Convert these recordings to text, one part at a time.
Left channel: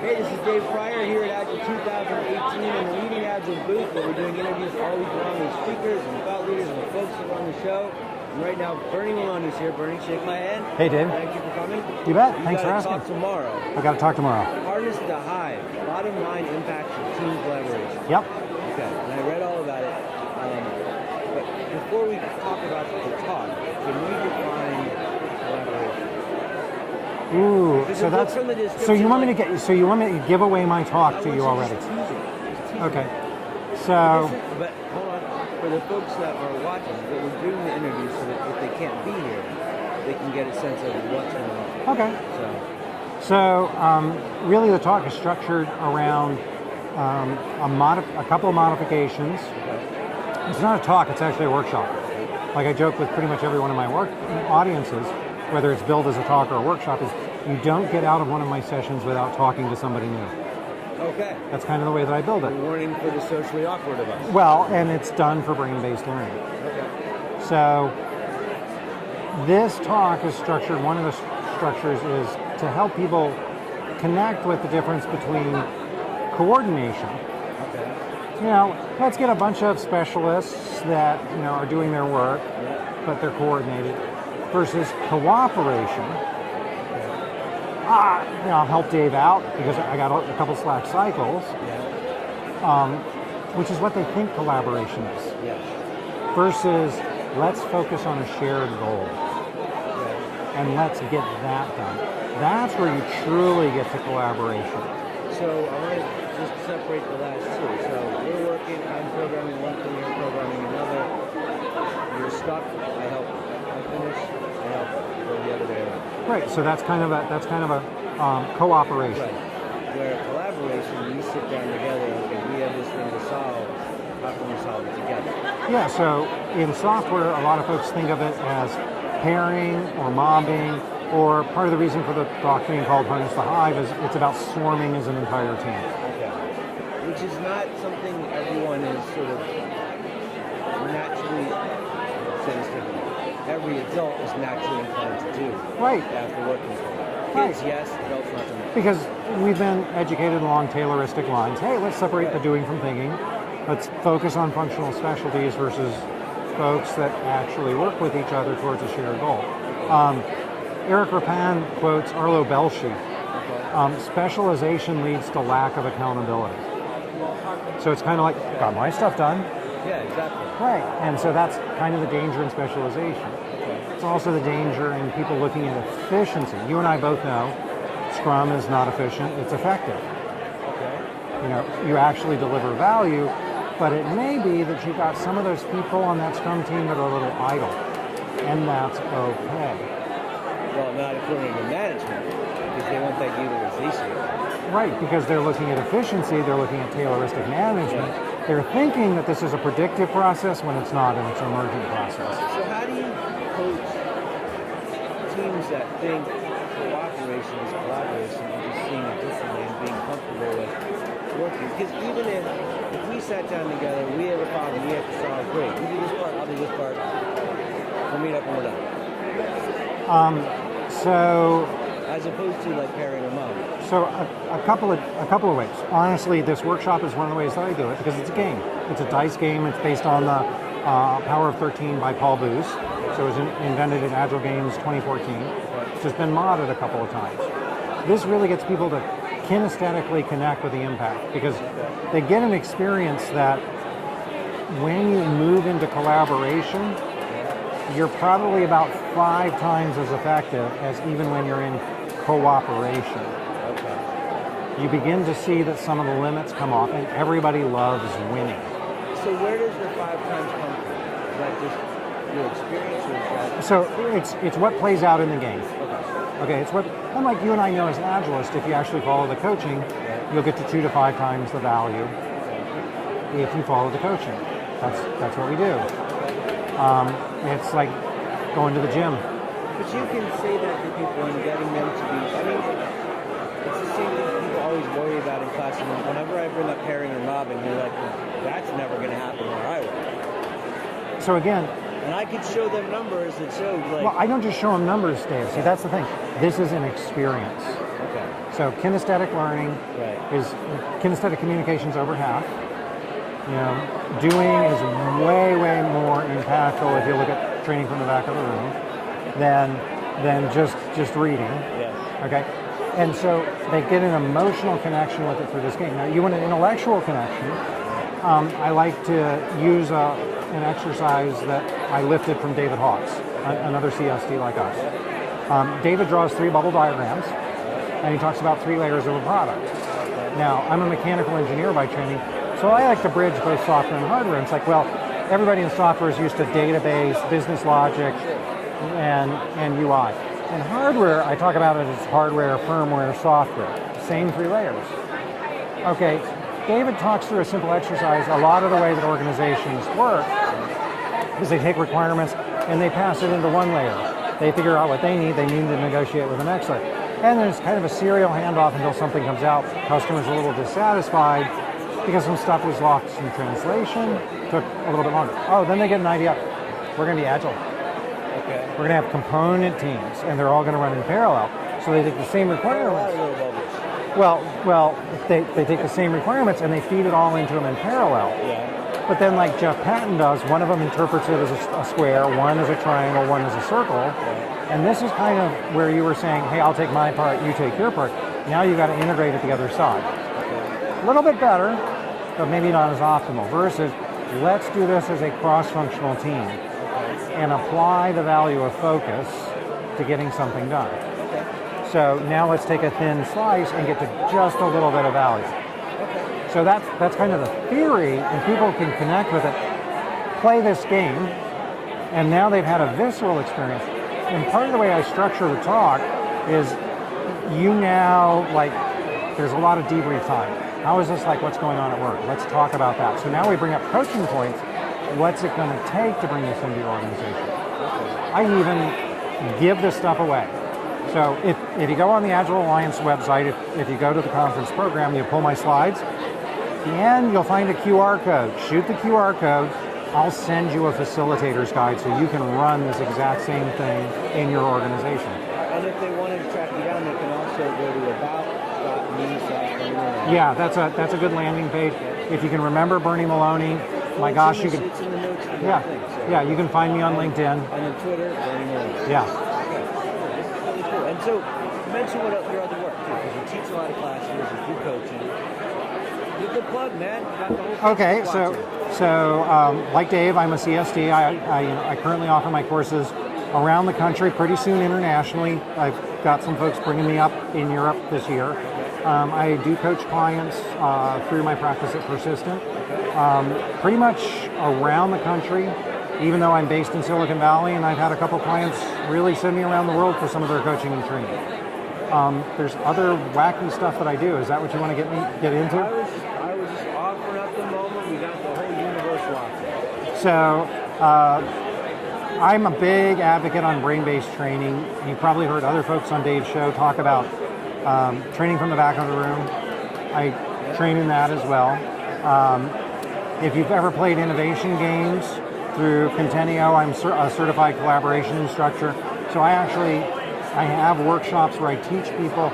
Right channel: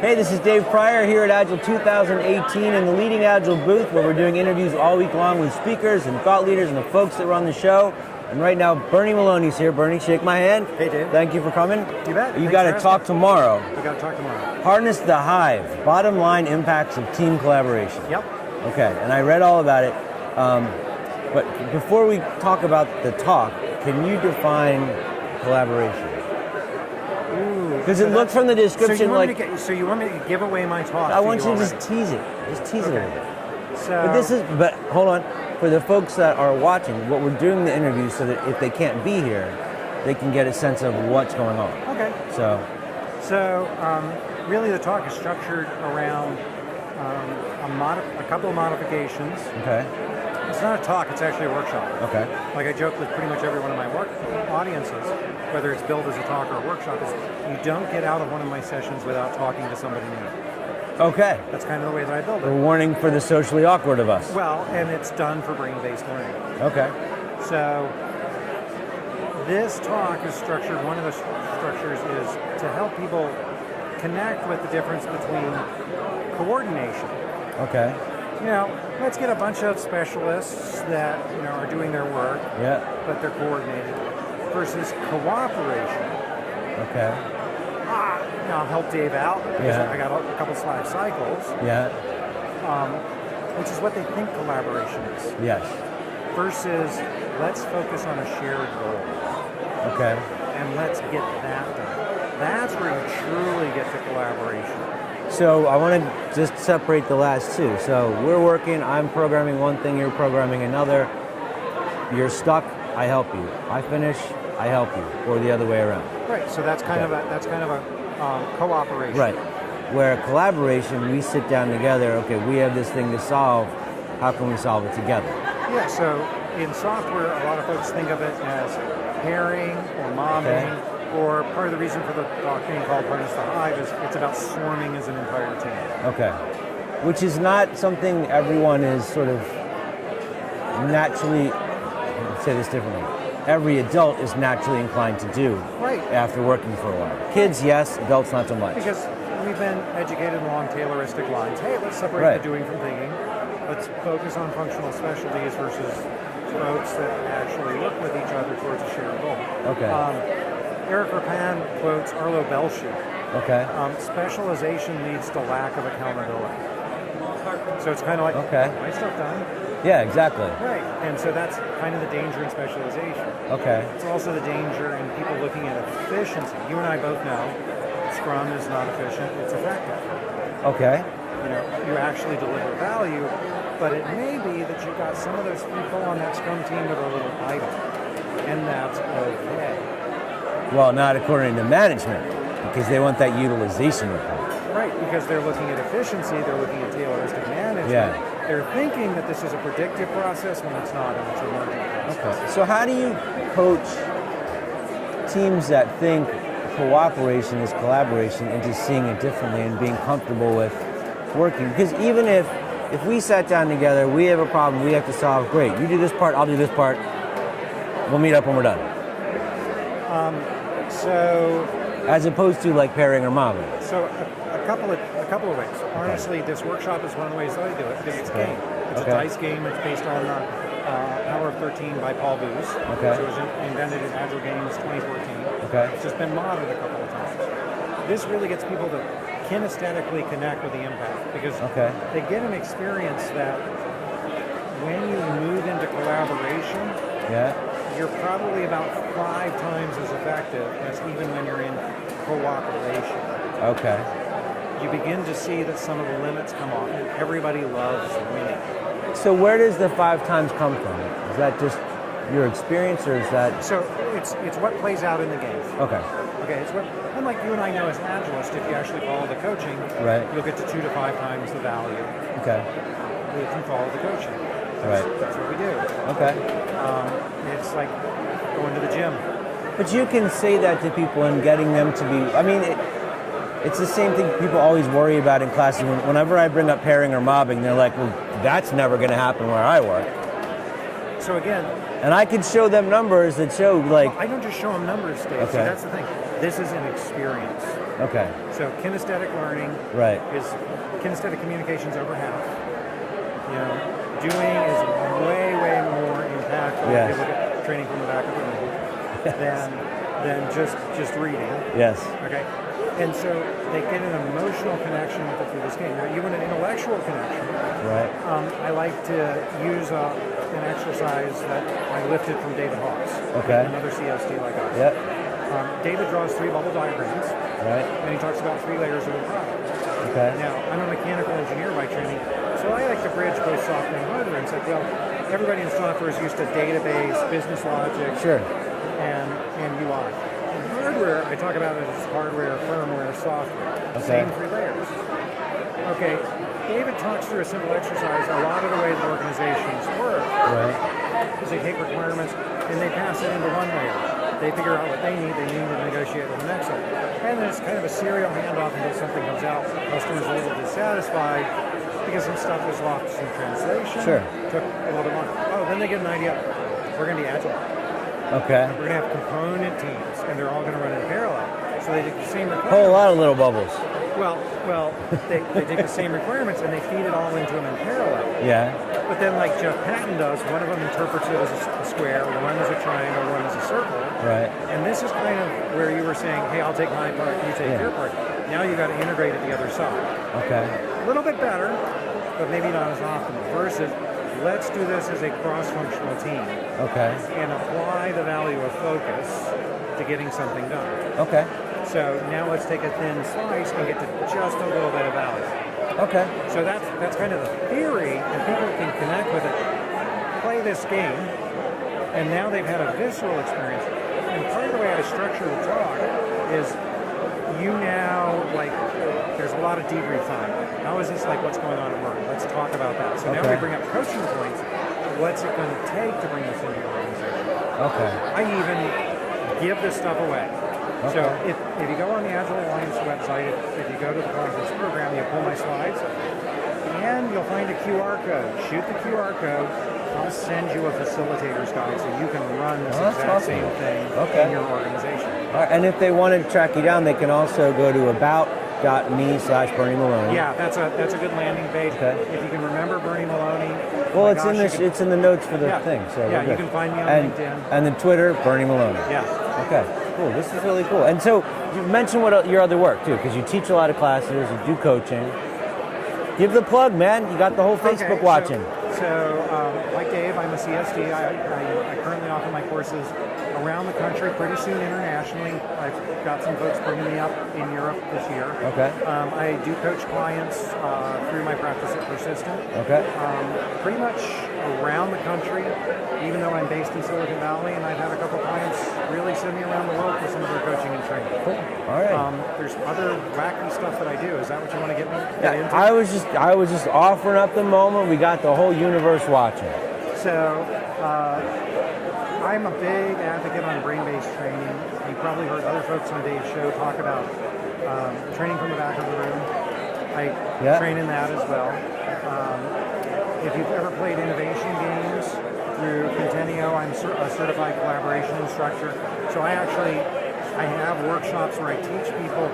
Hey, this is Dave Pryor here at Agile 2018 in the Leading Agile booth, where we're doing interviews all week long with speakers and thought leaders and the folks that run the show. And right now, Bernie Maloney's here. Bernie, shake my hand. Hey, Dave. Thank you for coming. You bet. You got to talk tomorrow. I got to talk tomorrow. Harness the Hive, bottom line impacts of team collaboration. Yep. Okay, and I read all about it. But before we talk about the talk, can you define collaboration? Because it looks from the description so you want me to give away my talk I want you to already? just tease it. Just tease okay. it. But hold on. For the folks that are watching, what we're doing the interview so that if they can't be here, they can get a sense of what's going on. Okay. So really the talk is structured around a couple of modifications. Okay. It's not a talk, it's actually a workshop. Okay. Like I joke with pretty much every one of my audiences, whether it's billed as a talk or a workshop, is you don't get out of one of my sessions without talking to somebody new. Okay. That's kind of the way that I build it. A warning for the socially awkward of us. Well, and it's done for brain-based learning. Okay. So this talk is structured, one of the structures is to help people connect with the difference between coordination. Okay. Now, let's get a bunch of specialists that are doing their work, but they're coordinated, versus cooperation. Okay. I'll help Dave out because I got a couple Slack cycles. Yeah. Which is what they think collaboration is. Yes. Versus let's focus on a shared goal. Okay. And let's get that done. That's where you truly get to collaboration. So I want to just separate the last two. So we're working, I'm programming one thing, you're programming another. You're stuck, I help you. I finish, I help you. Or the other way around. Right, so that's kind of a cooperation. Right. Where collaboration, we sit down together, okay, we have this thing to solve, how can we solve it together? Yeah, so in software, a lot of folks think of it as pairing or mobbing. Or part of the reason for the talk being called Harness the Hive is it's about swarming as an entire team. Okay. Which is not something everyone is sort of naturally, let's say this differently, every adult is naturally inclined to do after working for a while. Kids, yes, adults not so much. Because we've been educated along Tayloristic lines. Hey, let's separate the doing from thinking. Let's focus on functional specialties versus folks that actually work with each other towards a shared goal. Okay. Eric Rapin quotes Arlo Belshue. Okay. Specialization leads to lack of accountability. So it's kind of like, got my stuff done. Yeah, exactly. Right, and so that's kind of the danger in specialization. Okay. It's also the danger in people looking at efficiency. You and I both know Scrum is not efficient, it's effective. Okay. You actually deliver value, but it may be that you've got some of those people on that Scrum team that are a little idle, and that's okay. Well, not according to management, because they want that utilization. Right, because they're looking at efficiency, they're looking at tailoristic management. Yeah. They're thinking that this is a predictive process when it's not, and it's an emergent process. So how do you coach teams that think cooperation is collaboration and just seeing it differently and being comfortable with working? Because even if we sat down together, we have a problem we have to solve, great, you do this part, I'll do this part, we'll meet up when we're done. As opposed to like pairing or mobbing. So a couple of ways. Honestly, this workshop is one of the ways that I do it because it's a game. It's a dice game. It's based on the Power of 13 by Paul Booz. Okay. So it was invented at Agile Games 2014. Okay. It's just been modded a couple of times. This really gets people to kinesthetically connect with the impact because they get an experience that when you move into collaboration, you're probably about 5 times as effective as even when you're in cooperation. Okay. You begin to see that some of the limits come off, and everybody loves winning. So where does the 5 times come from? Is that just your experience, or is that... So it's what plays out in the game. Okay. Okay, it's what, unlike you and I know as Agilists, if you actually follow the coaching, you'll get to 2 to 5 times the value. Okay. If you follow the coaching. That's what we do. Okay. It's like going to the gym. But you can say that to people and getting them to be, I mean, it's the same thing people always worry about in class. Whenever I bring up pairing or mobbing, they're like, well, that's never going to happen where I work. So again, And I could show them numbers that show like. Well, I don't just show them numbers, Dave. Okay. So that's the thing. This is an experience. Okay. So kinesthetic learning Right. is kinesthetic communications over half. You know, doing is way more impactful if you look at training from the back of the room than just reading. Yes. Okay. And so they get an emotional connection with it through this game. Now, you want an intellectual connection. Right. I like to use an exercise that I lifted from David Hawkes, another CSD like us. Yep. David draws 3 bubble diagrams, Right. and he talks about 3 layers of a product. Okay. Now, I'm a mechanical engineer by training, so I like to bridge both software and hardware. And it's like, well, everybody in software is used to database, business logic, Sure. and UI. In hardware, I talk about it as hardware, firmware, software. Same 3 layers. Okay, David talks through a simple exercise. A lot of the way that organizations work is they take requirements and they pass it into one layer. They figure out what they need to negotiate with the next layer. And then it's kind of a serial handoff until something comes out. Customers are a little dissatisfied because some stuff was lost in translation. Sure. Took a little bit longer. Oh, then they get an idea. We're going to be agile. Okay. We're going to have component teams, and they're all going to run in parallel. So they take the same A requirements. whole lot of little bubbles. Well, they take the same requirements and they feed it all into them in parallel. Yeah. But then, like Jeff Patton does, one of them interprets it as a square, one as a triangle, one as a circle. Right. And this is kind of where you were saying, hey, I'll take my part, you take your part. Now you've got to integrate at the other side. Okay. A little bit better, but maybe not as optimal. Versus, let's do this as a cross-functional team. Okay. And apply the value of focus to getting something done. Okay. So now let's take a thin slice and get to just a little bit of value. Okay. So that's kind of the theory, and people can connect with it, play this game, and now they've had a visceral experience. And part of the way I structure the talk is you now, like, there's a lot of debrief time. How is this like what's going on at work? Let's talk about that. So now we bring up coaching points. What's it going to take to bring this into your organization? Okay. I even give this stuff away. So if you go on the Agile Alliance website, if you go to the conference program, you pull my slides, and you'll find a QR code. Shoot the QR code. I'll send you a facilitator's guide so you can run this exact same thing in your organization. All right. And if they want to track you down, they can also go to about.me/Bernie Maloney. Yeah, that's a good landing page. If you can remember Bernie Maloney, Well, my gosh, it's in the notes for the thing. So you can find me on LinkedIn. And then Twitter, Bernie Maloney. Yeah. Okay. Cool. This is really cool. And so you mentioned your other work too, because you teach a lot of classes, you do coaching. Give the plug, man. You got the whole Facebook watching. So like Dave, I'm a CSD. I currently offer my courses around the country, pretty soon internationally. I've got some folks bringing me up in Europe this year. Okay. I do coach clients through my practice at Persistent. Okay. Pretty much around the country, even though I'm based in Silicon Valley, and I've had a couple clients really send me around the world for some of their coaching and training. All right. There's other wacky stuff that I do. Is that what you want to get into? I was just offering up the moment. We got the whole universe watching. So I'm a big advocate on brain-based training. You've probably heard other folks on Dave's show talk about training from the back of the room. I train in that as well. If you've ever played innovation games through Contenio, I'm a certified collaboration instructor. So I have workshops where I teach people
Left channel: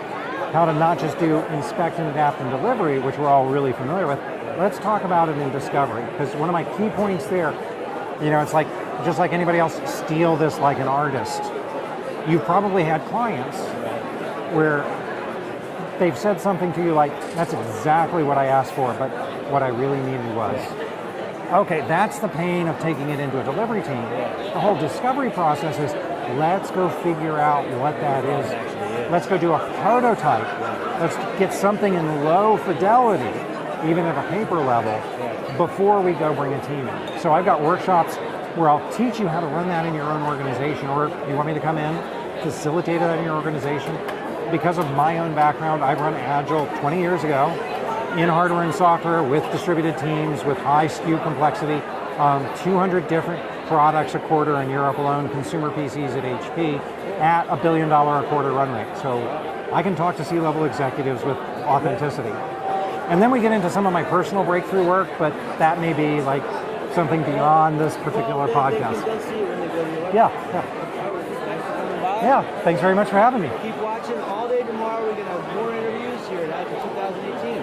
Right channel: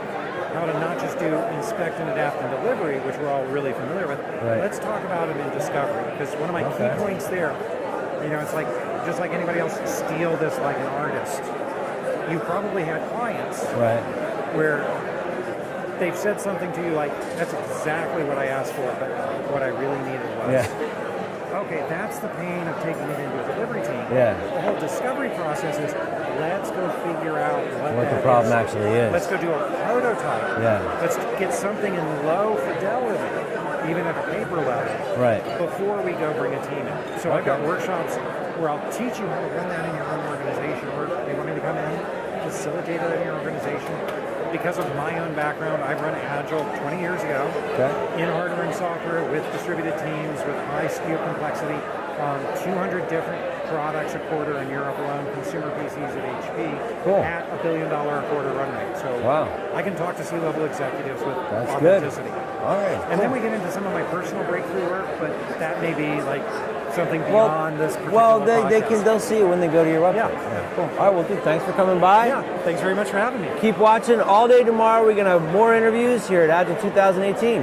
how to not just do inspect and adapt and delivery, which we're all really familiar with. Right. Let's talk about it in discovery, because one of my key points there, it's like, just like anybody else, steal this like an artist. You probably had clients where they've said something to you like, that's exactly what I asked for, but what I really needed was. Okay, that's the pain of taking it into a delivery team. Yeah. The whole discovery process is, let's go figure out what that the problem actually is. Let's go do a prototype. Yeah. Let's get something in low fidelity, even at a paper level, before we go bring a team in. So I've got workshops where I'll teach you how to run that in your own organization, or you want me to come in, facilitate that in your organization. Because of my own background, I run Agile 20 years ago in hardware and software with distributed teams, with high SKU complexity, 200 different products a quarter in Europe alone, consumer PCs at HP, Cool. at $1 billion a quarter run rate. So Wow. I can talk to C-level executives with That's authenticity. good. All right. And then we get into some of my personal breakthrough work, but that may be like something beyond this particular podcast. They'll see it when they go to your website. Yeah, cool. All right, well, dude, thanks for coming by. Yeah, thanks very much for having me. Keep watching all day tomorrow. We're going to have more interviews here at Agile 2018.